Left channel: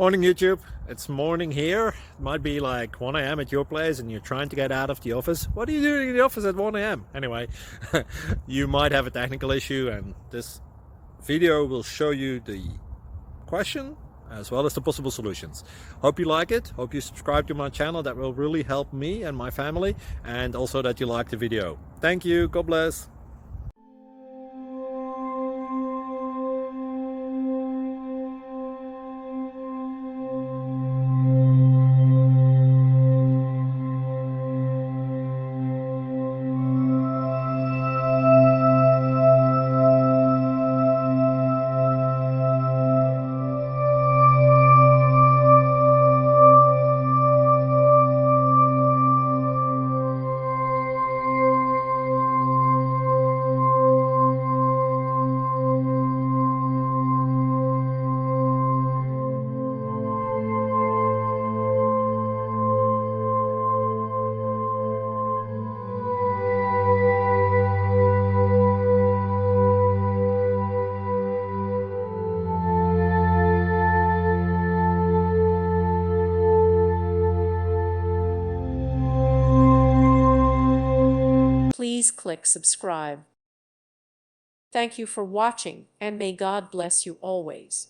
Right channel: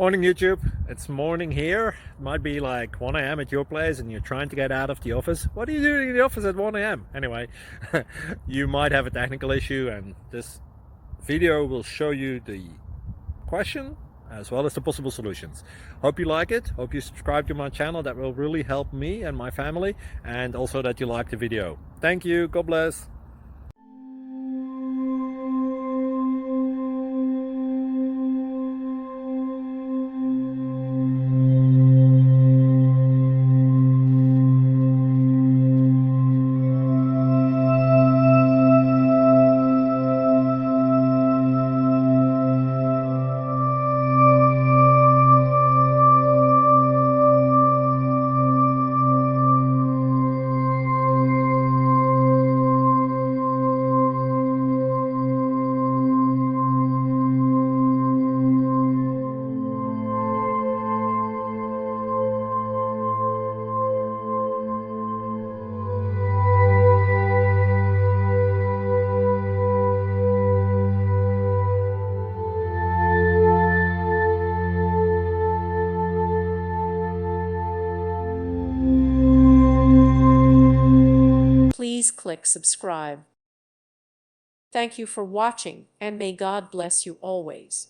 Morning YouTube, it's morning here. It might be like 1 a.m. at your place and you're trying to get out of the office. What are you doing in the office at 1 a.m.? Anyway, you might have a technical issue and this video will show you the question as well as the possible solutions. Hope you like it, hope you subscribe to my channel. That will really help me and my family, and also that you like the video. Thank you, God bless. Please click subscribe. Thank you for watching, and may God bless you always.